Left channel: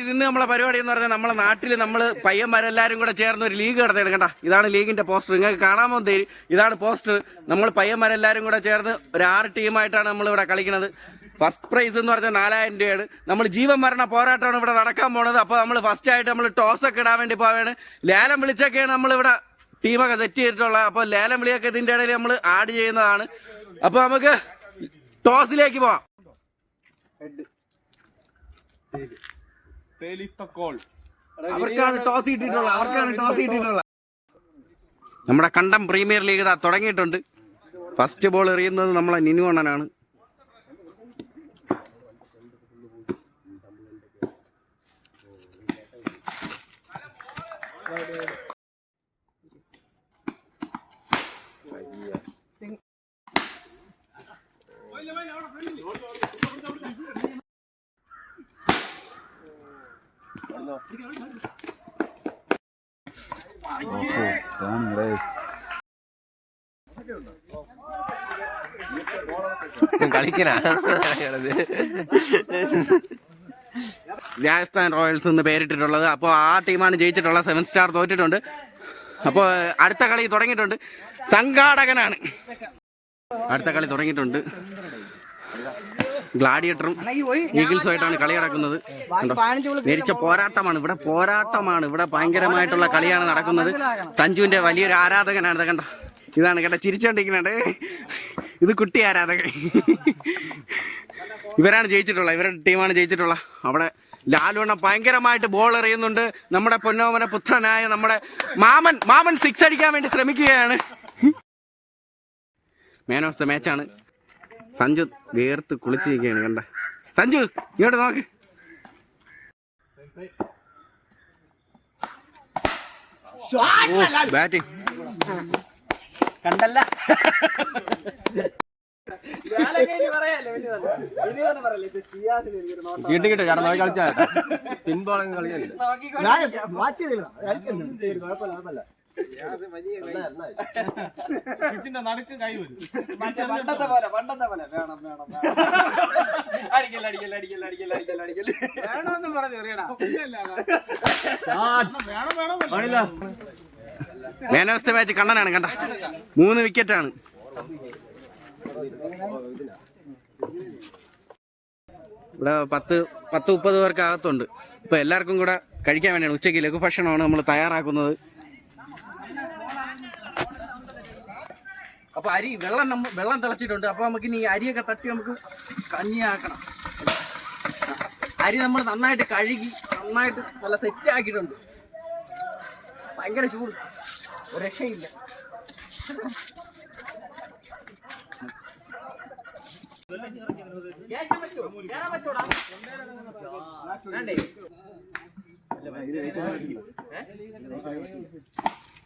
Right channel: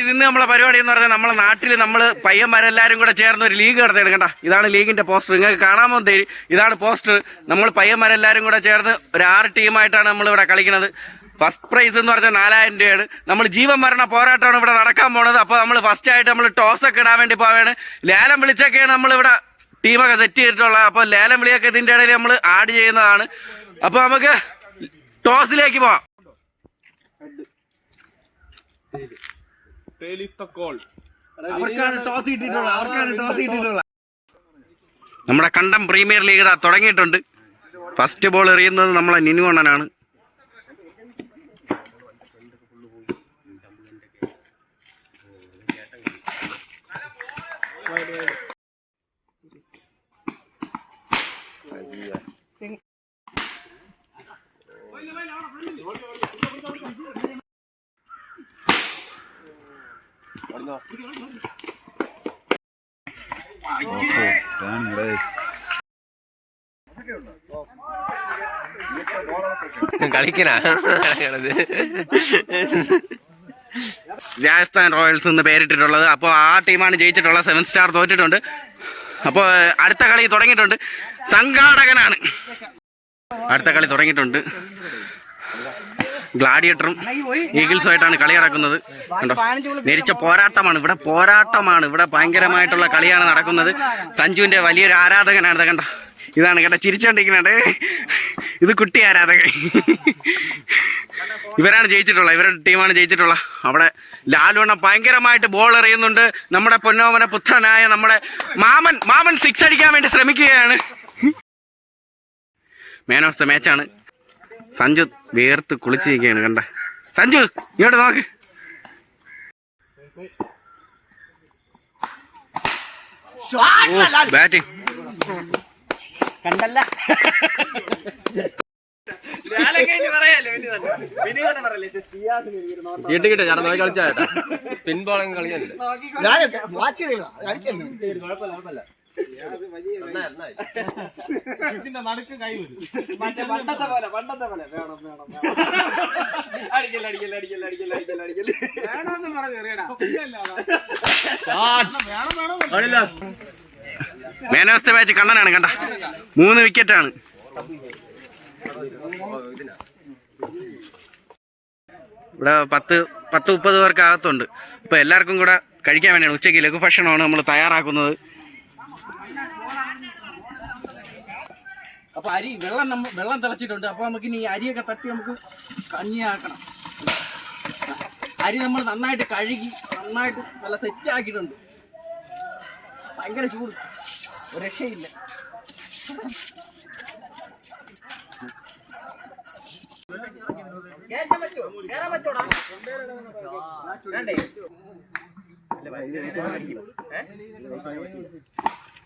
ഇന്ന് നമ്മളെ പരിപാടി എന്ന് പറഞ്ഞാൽ നമ്മളെ നാട്ടിൽ നമ്മൾ പയ്യന്മാരെല്ലാവരും കൂടെ ചേർന്ന് ഒരു ലീഗ് നടത്തി കണ്ട? ഇതാണ് ലീഗിന്റെ പോസ്റ്റർ. നിങ്ങൾക്ക് കാണാമോ തരും ഇതാണ് പോസ്റ്റർ. നമ്മൾ പയ്യന്മാരെല്ലാവരും കൂടെ ചേർന്ന് ഒരു ആറ് ടീമായിട്ടാണ് നമ്മൾ ഇവിടെ കളിക്കുന്നത്. ഫസ്റ്റ് പ്രൈസ് എന്ന് പറഞ്ഞാൽ നാലായിരം രൂപയാണ്. നമ്മൾ ജീവൻ മരണ പോരാട്ടമാണ് ഇവിടെ നടക്കാൻ പോണത്. അപ്പോൾ നമ്മൾ ഫസ്റ്റ് ആയിട്ട് നമ്മൾ ടോസ് ഒക്കെ ഇടാൻ വേണ്ടി പോവാണ്. ലേലം വിളിച്ചൊക്കെയാണ് നമ്മൾ ഇവിടെ ടീമൊക്കെ സെറ്റ് ചെയ്തിട്ടുള്ളത്. അപ്പോൾ ലേലം വിളിയൊക്കെ ഇതിന്റെ ഇടയിൽ നമ്മൾ ആഡ് ചെയ്യുന്നതാണ്. അപ്പോൾ നമുക്ക് ടോസിലേക്ക് പോവാം. അവർക്കാണ് ടോസ് കിട്ടിയിട്ടുള്ളത്. അവർക്കാണ് ടോസ് കിട്ടിയിട്ടുള്ളത്. നമ്മുടെ കണ്ടം പ്രീമിയർ ലീഗ് ഇതാ തുടങ്ങിയിട്ടുണ്ട്. ഫസ്റ്റ് ബോൾ എറിയുന്നത് നമ്മളെ നിനു അണ്ണനാണ്. കളിക്കനാ രാജസ്ഥാൻ റോയൽസ് എന്ന് പേരിട്ടിട്ടുള്ളത്. അപ്പോൾ ആ ടീമാണ് ജയിച്ചിട്ടുള്ളത് സെവൻ സ്റ്റാർ തോറ്റിട്ടുണ്ട്. അപ്പോൾ അടുത്ത കളി തുടങ്ങിയിട്ടുണ്ട്. സംഘാടകനാണ്. അടുത്ത കളി തുടങ്ങിയിട്ടുണ്ട്. ഗ്ലാഡിയേറ്ററും ഈഗിൾസുമായിട്ടാണ് കളി നടക്കുന്നത്. കണ്ടോ? നെരിച്ച പോരാട്ടമാണ്. ഇവിടെ പോരാട്ടമാണ്. ഇവിടെ ഭയങ്കരമായിട്ടുള്ള കളിയാണ് നടക്കുന്നത്. സഞ്ജുവിന്റെ വലിയൊരു ആരാധകനാണ് കണ്ടോ? ഇതാണ് കേട്ടോ ചിരിച്ചോണ്ടിരിക്കുന്നുണ്ട്. ഇത് കുട്ടി ആരാധകൻ. ഇവരാണ് ജയിച്ചിട്ടുള്ളത് ഇവരുടെ ടീമാണ് ജയിച്ചിട്ടുള്ളത് അവിടെ ലാലുവണ്ണ ഭയങ്കരമായിട്ട് ബോൾ എറിയുന്നുണ്ട്. നമ്മുടെ പൊന്നോമന പുത്രനായ നമ്മുടെ മാമൻ മാമൻ സിക്സ് അടിക്കാൻ വേണ്ടി ശ്രമിക്കുകയാണ്. ദ മാച്ചാണ് സഞ്ജു വേർത്ത് കുളിച്ചിരിക്കുകയാണ് കണ്ട. സഞ്ജു ഇങ്ങോട്ട് നോക്ക്. ഓ ബാറ്റിംഗ് കണ്ടല്ല. കിട്ടി കിട്ടി ചേട്ടാ നോക്കി കളിച്ചാ പിൻബോളം കളിയുണ്ട് മാൻ ഓഫ് ദ മാച്ച് കണ്ണനാണ് കണ്ട. മൂന്ന് വിക്കറ്റാണ്. ഇവിടെ പത്ത് പത്ത് മുപ്പത് പേർക്ക് അകത്തുണ്ട്. അപ്പോൾ എല്ലാവർക്കും കൂടെ കഴിക്കാൻ വേണ്ടിയാണ് ഉച്ചയ്ക്ക് ലഘു ഭക്ഷണമാണ് നമ്മൾ തയ്യാറാക്കുന്നത്. അപ്പോൾ അരി വെള്ളം നമ്മ വെള്ളം തിളച്ചിട്ടുണ്ട്. അപ്പോൾ നമുക്ക് ഇനി അരിയൊക്കെ തട്ടി നമുക്ക് കഞ്ഞിയാക്കണം. അരി നമ്മൾ നന്നായിട്ട് കഴുകി നന്നായിട്ട് നല്ല സെറ്റ് ആക്കിയിട്ടുണ്ട്. ഭയങ്കര ചൂട്.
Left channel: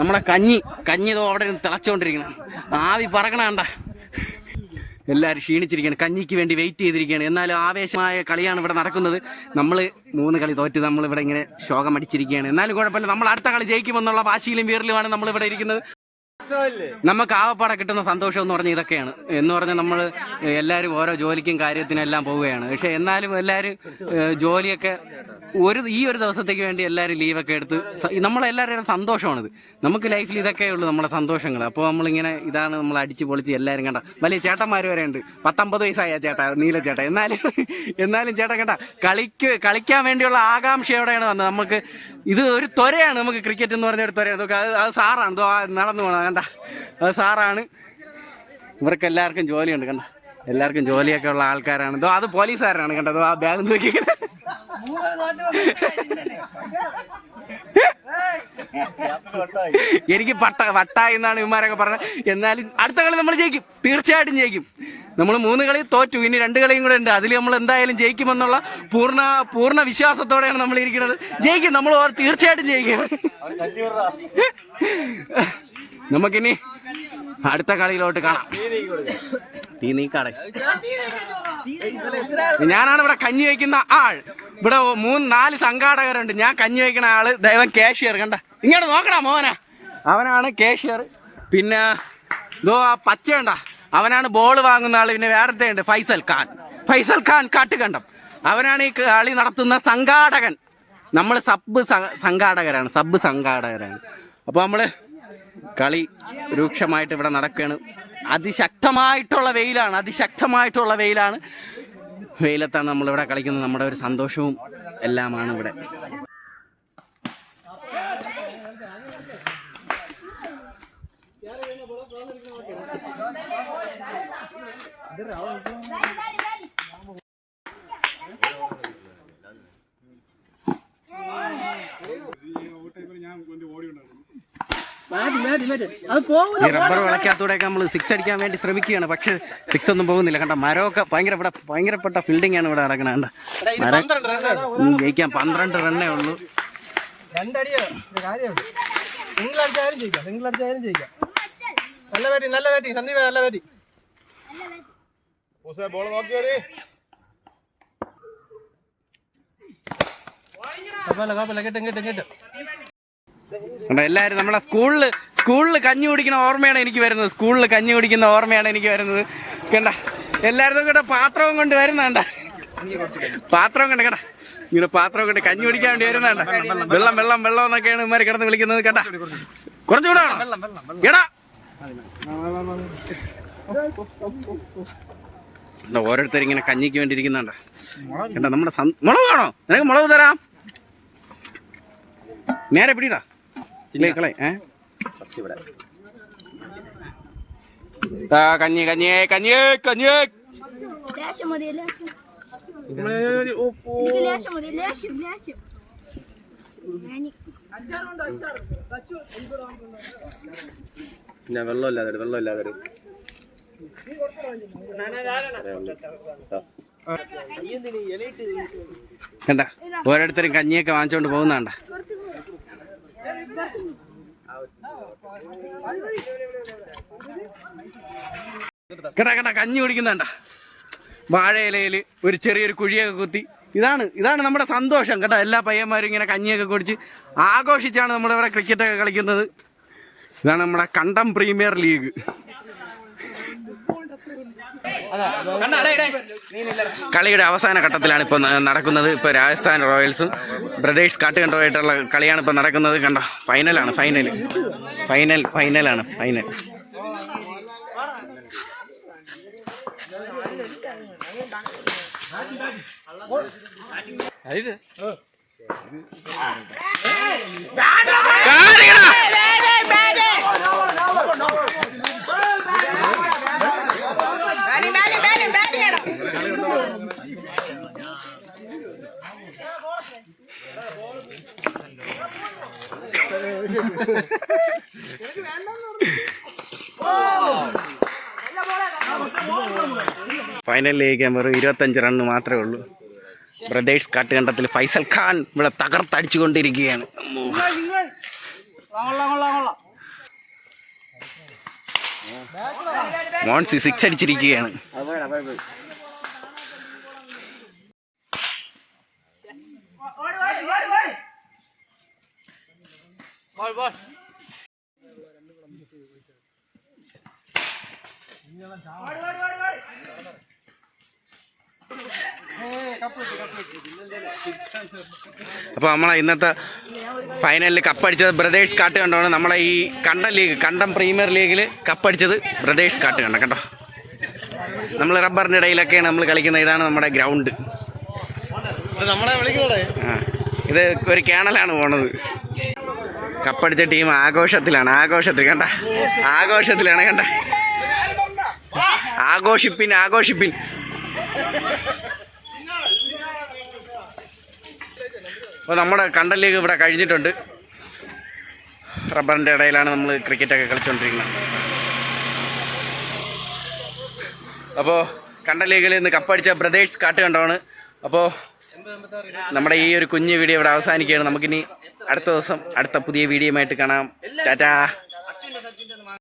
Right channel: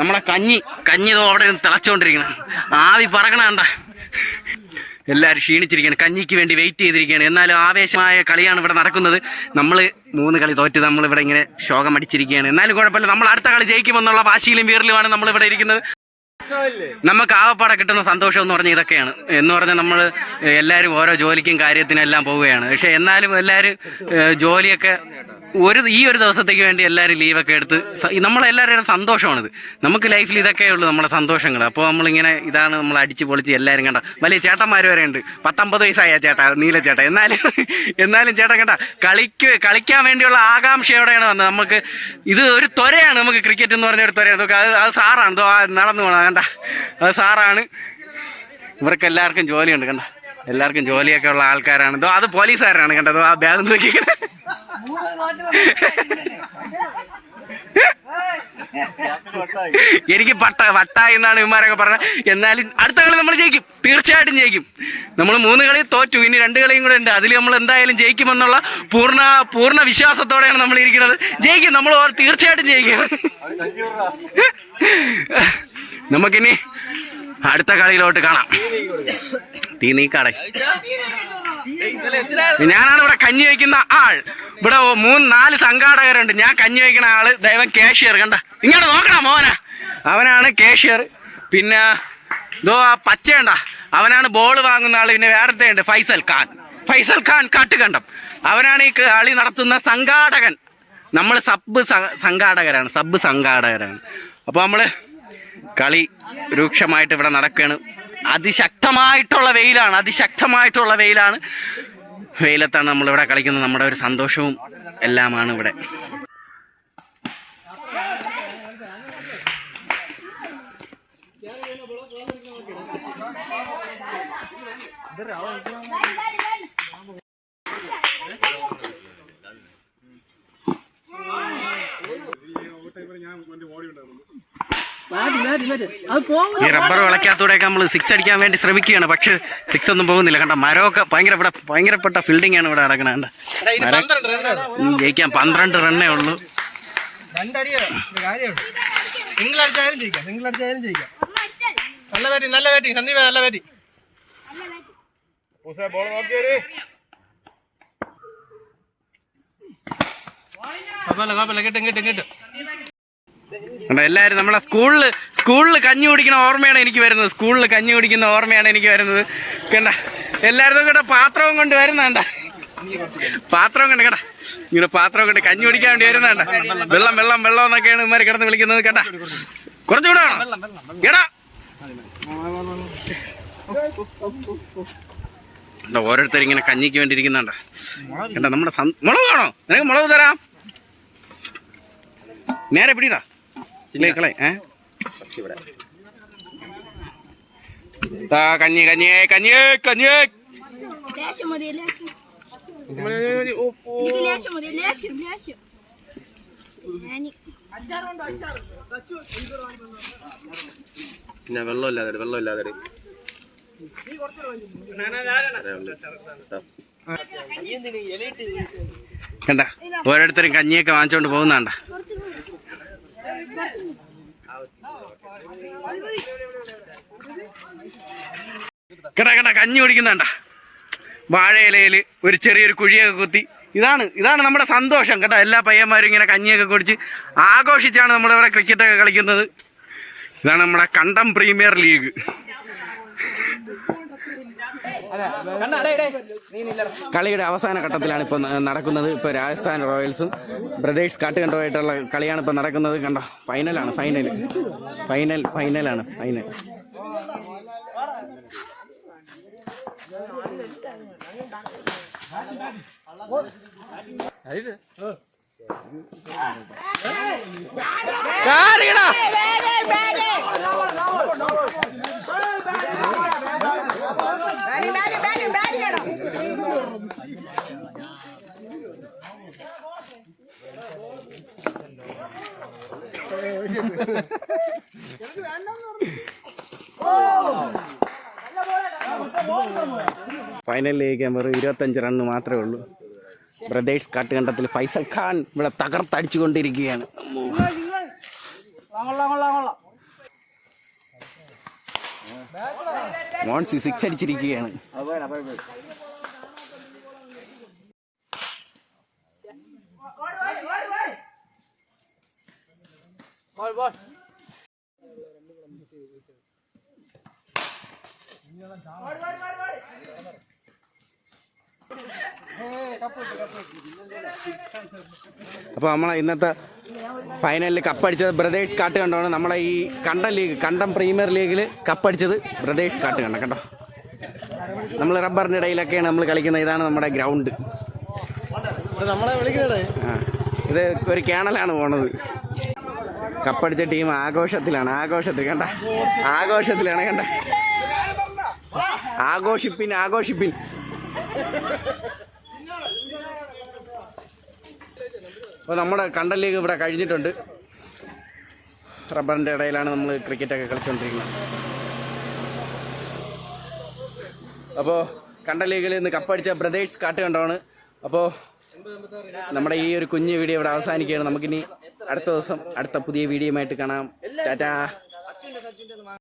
നമ്മളെ കഞ്ഞി. കഞ്ഞി ഇതോ അവിടെ തിളച്ചോണ്ടിരിക്കണം. ആവി പറക്കണണ്ട എല്ലാവരും ക്ഷീണിച്ചിരിക്കുകയാണ് കഞ്ഞിക്ക് വേണ്ടി വെയിറ്റ് ചെയ്തിരിക്കുകയാണ് എന്നാലും ആവേശമായ കളിയാണ് ഇവിടെ നടക്കുന്നത്. നമ്മൾ മൂന്ന് കളി തോറ്റ് നമ്മൾ ഇവിടെ ഇങ്ങനെ ശോകം അടിച്ചിരിക്കുകയാണ് എന്നാലും കുഴപ്പമില്ല. നമ്മൾ അടുത്ത കളി ജയിക്കുമെന്നുള്ള വാശിയിലും വീറിലുമാണ് നമ്മൾ ഇവിടെ ഇരിക്കുന്നത്. നമുക്ക് ആവപ്പാടെ കിട്ടുന്ന സന്തോഷം എന്ന് പറഞ്ഞാൽ ഇതൊക്കെയാണ്. എന്ന് പറഞ്ഞാൽ നമ്മൾ എല്ലാവരും ഓരോ ജോലിക്കും കാര്യത്തിനെല്ലാം പോവുകയാണ്. പക്ഷേ എന്നാലും എല്ലാവരും ജോലിയൊക്കെ ഒരു ഈ ഒരു ദിവസത്തേക്ക് വേണ്ടി എല്ലാവരും ലീവൊക്കെ എടുത്ത് നമ്മളെല്ലാവരുടെയും സന്തോഷമാണിത്. നമുക്ക് ലൈഫിൽ ഇതൊക്കെ ഉള്ളൂ നമ്മുടെ സന്തോഷങ്ങൾ. അപ്പോൾ നമ്മളിങ്ങനെ ഇതാണ് നമ്മൾ അടിച്ച് പൊളിച്ച് എല്ലാവരും കണ്ട. വലിയ ചേട്ടന്മാർ വരെ ഉണ്ട്. പത്തൊമ്പത് വയസ്സായ ചേട്ടാ നീല ചേട്ടാ. എന്നാലും എന്നാലും ചേട്ടൻ കണ്ട കളിക്ക് കളിക്കാൻ വേണ്ടിയുള്ള ആകാംക്ഷയോടെയാണ് വന്നത്? നമുക്ക് ഇത് ഒരു ത്വരയാണ് നമുക്ക് ക്രിക്കറ്റ് എന്ന് പറഞ്ഞ ഒരു നമുക്ക് അത് അത് സാറാണ്. നടന്നു പോകണം കണ്ട. അത് സാറാണ്. ഇവർക്ക് എല്ലാവർക്കും ജോലിയുണ്ട് കണ്ട. എല്ലാവർക്കും ജോലിയൊക്കെ ഉള്ള ആൾക്കാരാണ്. അത് പോലീസുകാരാണ് കണ്ടത് ആ ബാഗ് നോക്കിക്കണേ. എനിക്ക് പട്ട വട്ട എന്നാണ് ഇവന്മാരൊക്കെ പറഞ്ഞത് എന്നാലും അടുത്ത കളി നമ്മൾ ജയിക്കും. തീർച്ചയായിട്ടും ജയിക്കും. നമ്മൾ മൂന്ന് കളി തോറ്റു. ഇനി രണ്ട് കളിയും കൂടെ ഉണ്ട്. അതിൽ നമ്മൾ എന്തായാലും ജയിക്കുമെന്നുള്ള പൂർണ പൂർണ വിശ്വാസത്തോടെയാണ് നമ്മൾ ഇരിക്കുന്നത്. ജയിക്കും. നമ്മൾ തീർച്ചയായിട്ടും ജയിക്കും. നമുക്കിനി അടുത്ത കളിയിലോട്ട് കാണാം. തീ നീക്കാടെ. ഞാനാണ് ഇവിടെ കഞ്ഞി വയ്ക്കുന്ന ആൾ. ഇവിടെ മൂന്ന് നാല് സംഘാടകരുണ്ട്. ഞാൻ കഞ്ഞി വയ്ക്കുന്ന ആൾ ദൈവം കാഷ്യർ കണ്ട? ഇങ്ങോട്ട് നോക്കണ മോന. അവനാണ് കാഷ്യർ പിന്നെ ഇതോ ആ പച്ചയുണ്ട. അവനാണ് ബോൾ വാങ്ങുന്ന ആൾ പിന്നെ വേറത്തെ ഉണ്ട് ഫൈസൽ ഖാൻ. ഫൈസൽ ഖാൻ കാട്ടുകണ്ടം. അവനാണ് ഈ കളി നടത്തുന്ന സംഘാടകൻ. നമ്മൾ സബ് സംഘാടകരാണ് സബ് സംഘാടകരാണ്. അപ്പോൾ നമ്മൾ കളി രൂക്ഷമായിട്ട് ഇവിടെ നടക്കുകയാണ് അതിശക്തമായിട്ടുള്ള വെയിലാണ് അതിശക്തമായിട്ടുള്ള വെയിലാണ്. വെയിലത്താണ് നമ്മളിവിടെ കളിക്കുന്നത്. നമ്മുടെ ഒരു സന്തോഷവും എല്ലാമാണ് ഇവിടെ. ഈ റബ്ബർ വിളക്കാത്തൂടെയൊക്കെ നമ്മൾ സിക്സ് അടിക്കാൻ വേണ്ടി ശ്രമിക്കുകയാണ്. പക്ഷെ സിക്സ് ഒന്നും പോകുന്നില്ല. കണ്ട മരമൊക്കെ ഭയങ്കര ഇവിടെ ഭയങ്കരപ്പെട്ട ഫീൽഡിംഗ് ആണ് ഇവിടെ നടക്കുന്നത് കണ്ട മരം ജയിക്കാൻ പന്ത്രണ്ട് റണ്ണേ ഉള്ളൂ. നല്ല ബാറ്റിംഗ് നല്ല ബാറ്റിംഗ് സന്ദീപ് നല്ല ബാറ്റിംഗ് ബോൾ നോക്കിയാൽ കുഴപ്പമില്ല കുഴപ്പമില്ല. കിട്ടും കിട്ടും കിട്ടും. കണ്ടോ എല്ലാവരും നമ്മളെ സ്കൂളിൽ സ്കൂളിൽ കഞ്ഞി കുടിക്കുന്ന ഓർമ്മയാണ് എനിക്ക് വരുന്നത്. സ്കൂളിൽ കഞ്ഞി കുടിക്കുന്ന ഓർമ്മയാണ് എനിക്ക് വരുന്നത്. കണ്ട എല്ലാവരും കേട്ടോ പാത്രവും കൊണ്ട് വരുന്നണ്ട പാത്രം കണ്ട കേട്ടാ ഇങ്ങനെ പാത്രം കൊണ്ട് കഞ്ഞി കുടിക്കാൻ വേണ്ടി വരുന്നണ്ട വെള്ളം വെള്ളം വെള്ളം എന്നൊക്കെയാണ് ഇമാര് കിടന്ന് വിളിക്കുന്നത് കണ്ട. കുറച്ചുകൂടെ എടാ. ഓരോരുത്തർ ഇങ്ങനെ കഞ്ഞിക്ക് വേണ്ടി ഇരിക്കുന്നുണ്ട്. കണ്ട നമ്മുടെ മുളക് വേണോ? നിനക്ക് മുളക് തരാം. നേരെ പിടിടാ. കളെ കഞ്ഞി കഞ്ഞി കഞ്ഞി കഞ്ഞി പിന്നെ വെള്ളമില്ലാതെ വെള്ളമില്ലാതെ കണ്ട ഓരോരുത്തരും കഞ്ഞിയൊക്കെ വാങ്ങിച്ചോണ്ട് പോകുന്നണ്ട കണ്ട കണ്ട കഞ്ഞി കുടിക്കുന്നുണ്ട വാഴയിലയിൽ ഒരു ചെറിയൊരു കുഴിയൊക്കെ കുത്തി. ഇതാണ് ഇതാണ് നമ്മുടെ സന്തോഷം കേട്ടോ. എല്ലാ പയ്യന്മാരും ഇങ്ങനെ കഞ്ഞിയൊക്കെ കുടിച്ച് ആഘോഷിച്ചാണ് നമ്മളിവിടെ ക്രിക്കറ്റൊക്കെ കളിക്കുന്നത്. ഇതാണ് നമ്മുടെ കണ്ടം പ്രീമിയർ ലീഗ്. കളിയുടെ അവസാന ഘട്ടത്തിലാണ് ഇപ്പോൾ നടക്കുന്നത്. ഇപ്പോൾ രാജസ്ഥാൻ റോയൽസും ബ്രദേഴ്സ് കാട്ടുകണ്ടുമായിട്ടുള്ള കളിയാണ് ഇപ്പോൾ നടക്കുന്നത്. കണ്ടോ? ഫൈനലാണ് ഫൈനൽ ഫൈനൽ ഫൈനലാണ് ഫൈനൽ. കാണിക്കടാ ഫൈനലിലേക്ക് വെറും ഇരുപത്തഞ്ച് റണ്ണ് മാത്രമേ ഉള്ളൂ. ബ്രദേഴ്സ് കാട്ടുകണ്ടത്തിൽ ഫൈസൽ ഖാൻ ഇവിടെ തകർത്തടിച്ചുകൊണ്ടിരിക്കുകയാണ്. മോൺസി സിക്സ് അടിച്ചിരിക്കുകയാണ്. അപ്പോൾ നമ്മളെ ഇന്നത്തെ ഫൈനലിൽ കപ്പടിച്ചത് ബ്രദേഴ്സ് കാട്ട് കണ്ടാണ് നമ്മളെ ഈ കണ്ടം ലീഗ് കണ്ടം പ്രീമിയർ ലീഗിൽ കപ്പടിച്ചത് ബ്രദേഴ്സ് കാട്ട് കണ്ട കേട്ടോ നമ്മൾ റബ്ബറിന്റെ ഇടയിലൊക്കെയാണ് നമ്മൾ കളിക്കുന്നത്. ഇതാണ് നമ്മുടെ ഗ്രൗണ്ട് ആ ഇത് ഒരു കേണലാണ് പോണത്. കപ്പടിച്ച ടീം ആഘോഷത്തിലാണ് ആഘോഷത്തിൽ കണ്ട? ആഘോഷത്തിലാണ് കണ്ട? ആഘോഷിപ്പിൻ ആഘോഷിപ്പിൻ. അപ്പോൾ നമ്മുടെ കണ്ടൽ ലീഗ് ഇവിടെ കഴിഞ്ഞിട്ടുണ്ട്. റബ്ബറിന്റെ ഇടയിലാണ് നമ്മൾ ക്രിക്കറ്റൊക്കെ കളിച്ചുകൊണ്ടിരിക്കുന്നത് അപ്പോൾ കണ്ട ലീഗിൽ ഇന്ന് കപ്പടിച്ച ബ്രദേഴ്സ് കാട്ട് കണ്ടാണ് അപ്പോൾ നമ്മുടെ ഈ ഒരു കുഞ്ഞു വീഡിയോ ഇവിടെ അവസാനിക്കുകയാണ്. നമുക്കിനി അടുത്ത ദിവസം അടുത്ത പുതിയ വീഡിയോയുമായിട്ട് കാണാം. ടാറ്റാ.